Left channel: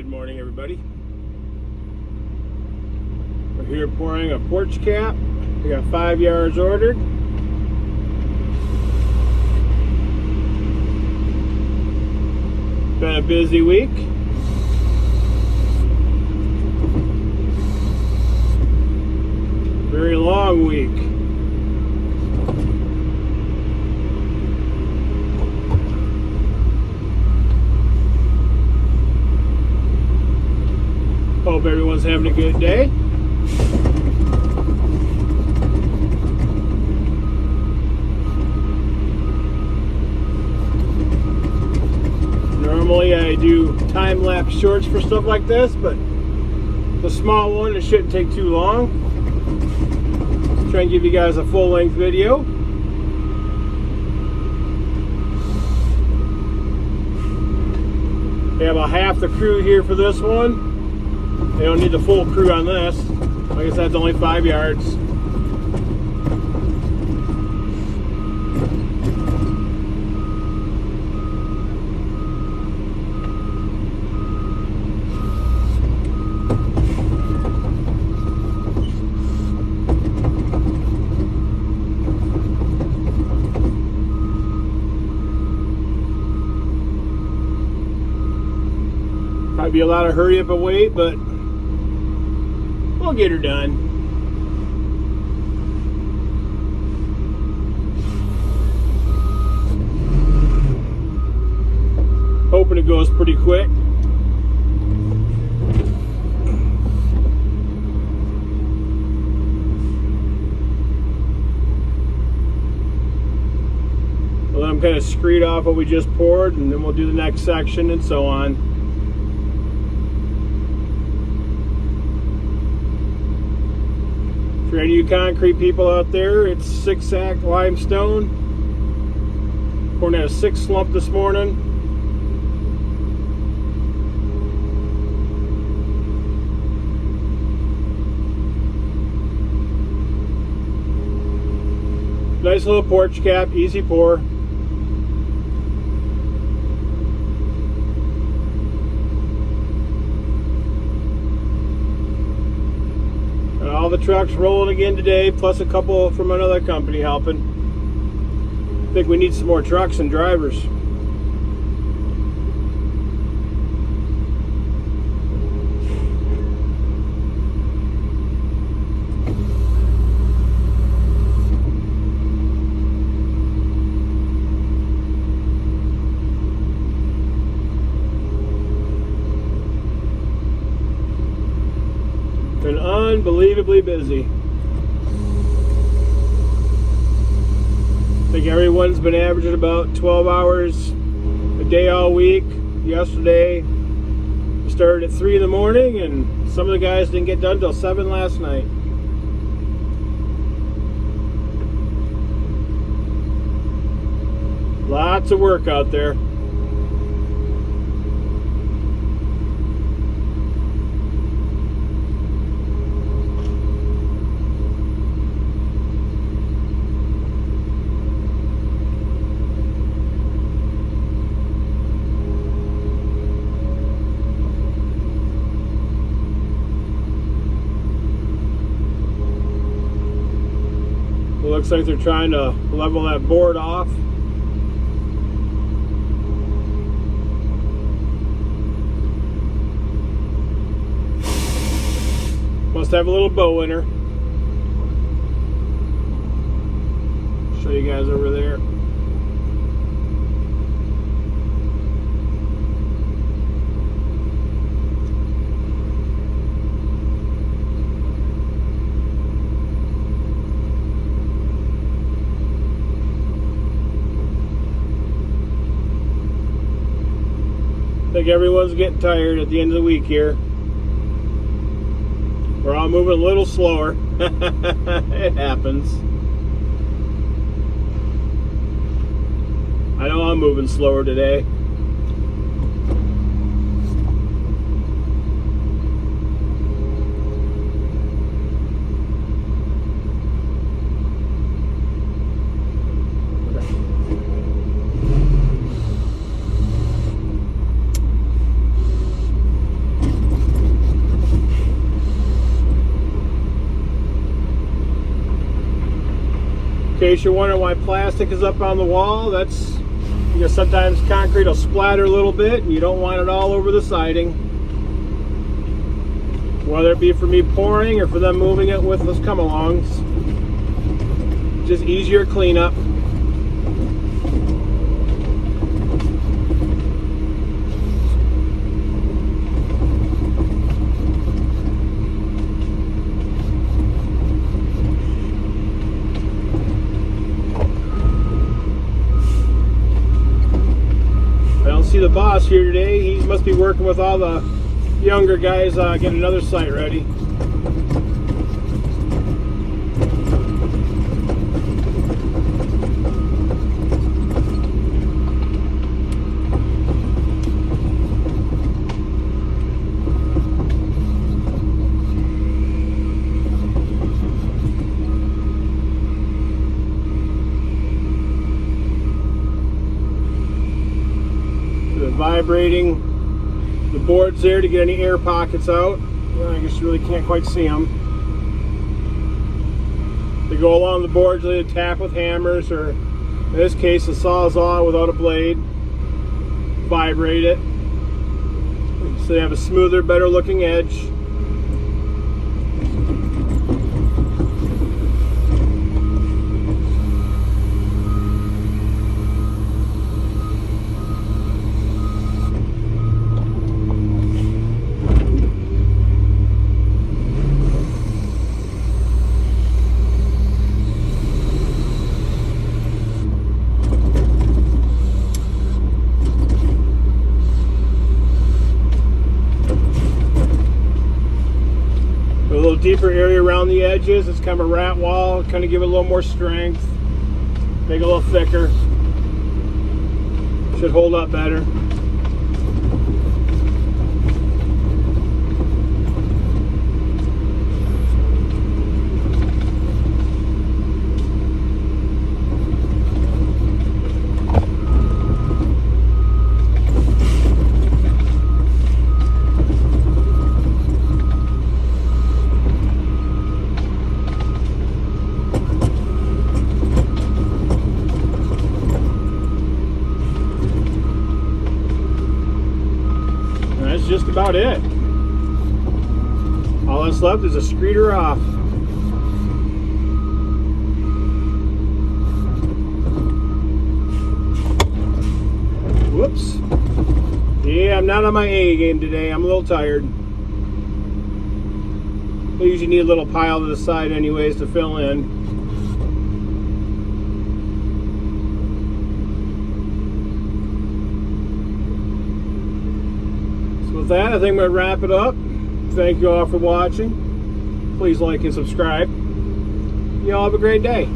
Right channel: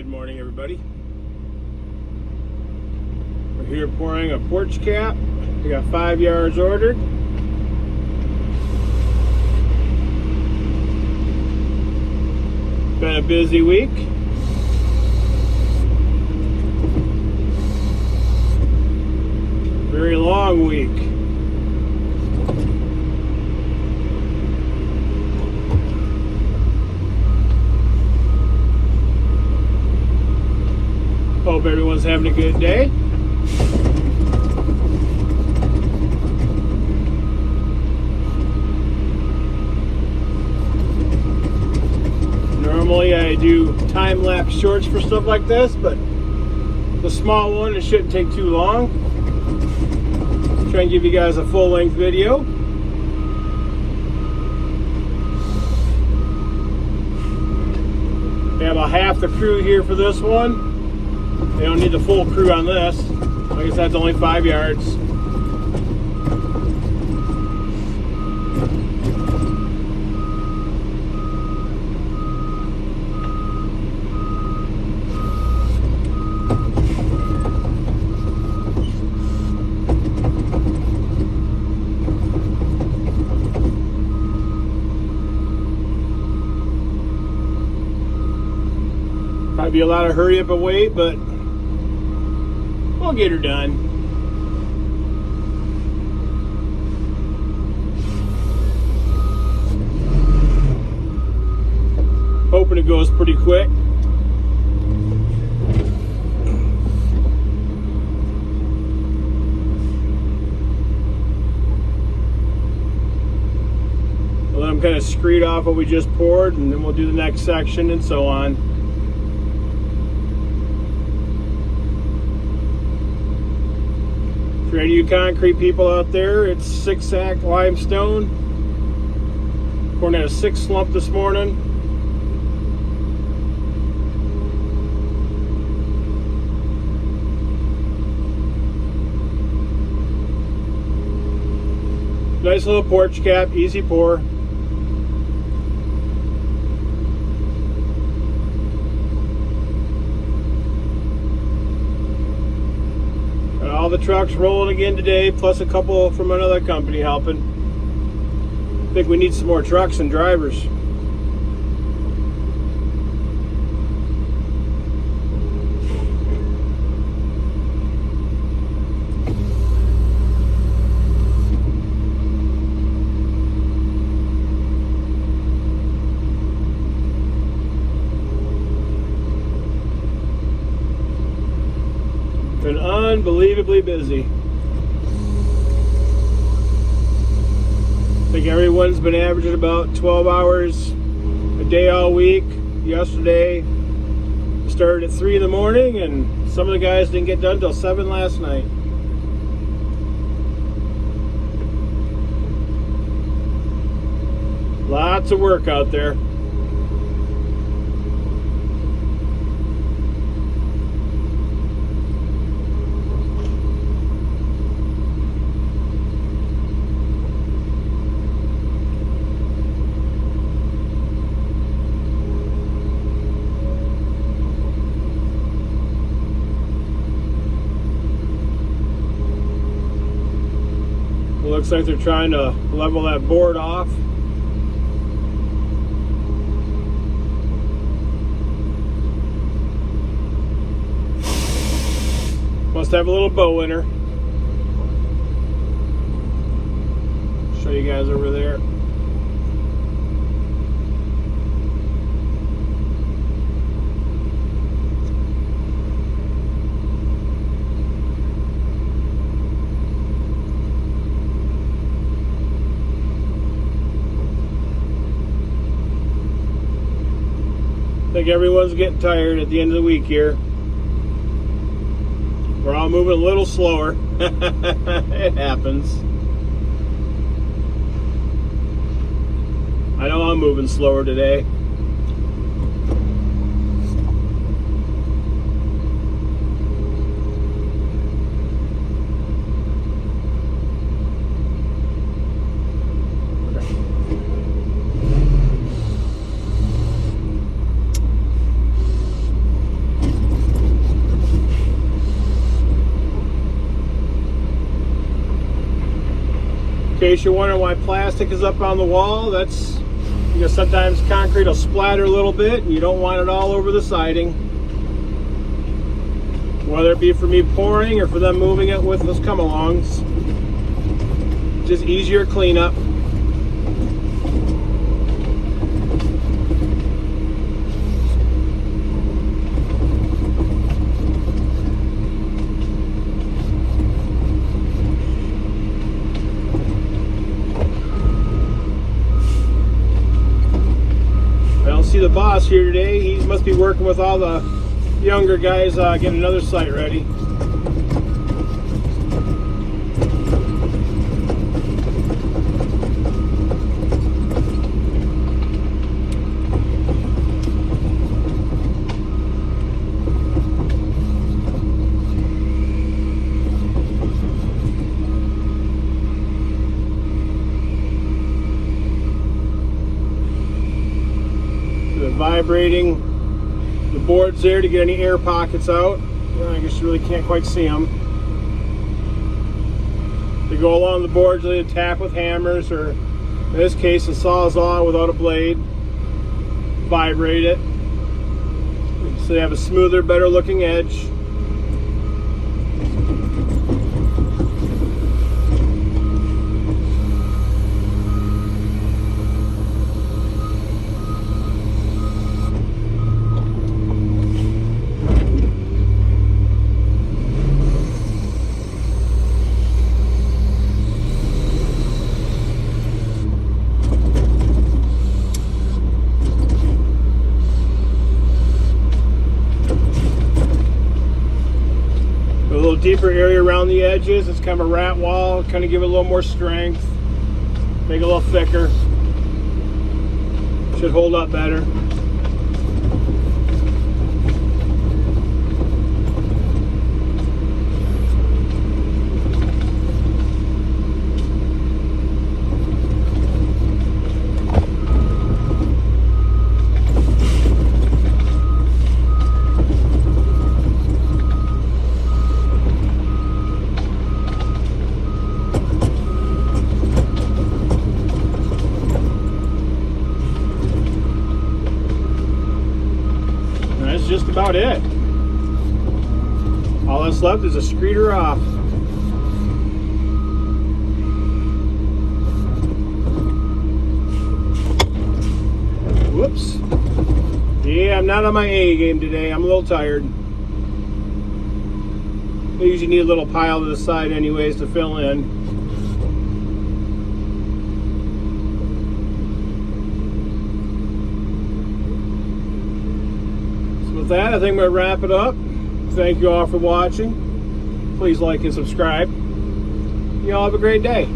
Good morning, everybody. We're here pouring a porch cap. We got 5 yards ordered. Been a busy week. Very long week. Hope everyone's having a good day. Normally I do time-lapse shorts for stuff like this, but the small one, it shouldn't take too long. Try and give you guys a full-length video. We have about half the crew here for this one. They don't need the full crew on this. Like I said, it's only 5 yards. Might be a lot of hurry up and wait, but we'll get her done. Hoping it goes pretty quick. Well, I'm kind of screed off what we just poured, and then we'll do the next section and so on. For any of you concrete people out there, it's 6-sack limestone. Pouring at a 6 slump this morning. Nice little porch cap, easy pour. All the trucks rolling again today, plus a couple from another company helping. I think we need some more trucks and drivers. Been unbelievably busy. I think everyone's been averaging about 12 hours a day all week. Yesterday, we started at 3 in the morning, and some of the guys didn't get done until 7 last night. Lots of work out there. Looks like they're trying to level that board off. Must have a little bow in her. Show you guys over there. I think everyone's getting tired at the end of the week here. We're all moving a little slower. It happens. I know I'm moving slower today. case you're wondering why plastic is up on the wall, that's because sometimes concrete will splatter a little bit and you don't want it all over the siding. Whether it be for me pouring or for them moving it with us come-alongs. Just easier cleanup. See the boss here today. He must be working with all the younger guys getting another site ready. Vibrating the boards there to get any air pockets out. I guess you really can't quite see them. They go along the boards, they tap with hammers, or in this case a sawzall without a blade. Vibrate it so they have a smoother, better looking edge. Deeper area around the edges. It's kind of a rat wall, kind of give it a little more strength, make it a little thicker. Should hold up better. Just about it. All that's left is a screeder off. Whoops. Yeah, I'm not on my A game today. I'm a little tired. I usually need a little pile to the side anyways to fill in. With that, I think I'm going to wrap it up. Thank you all for watching. Please like and subscribe. You all have a great day.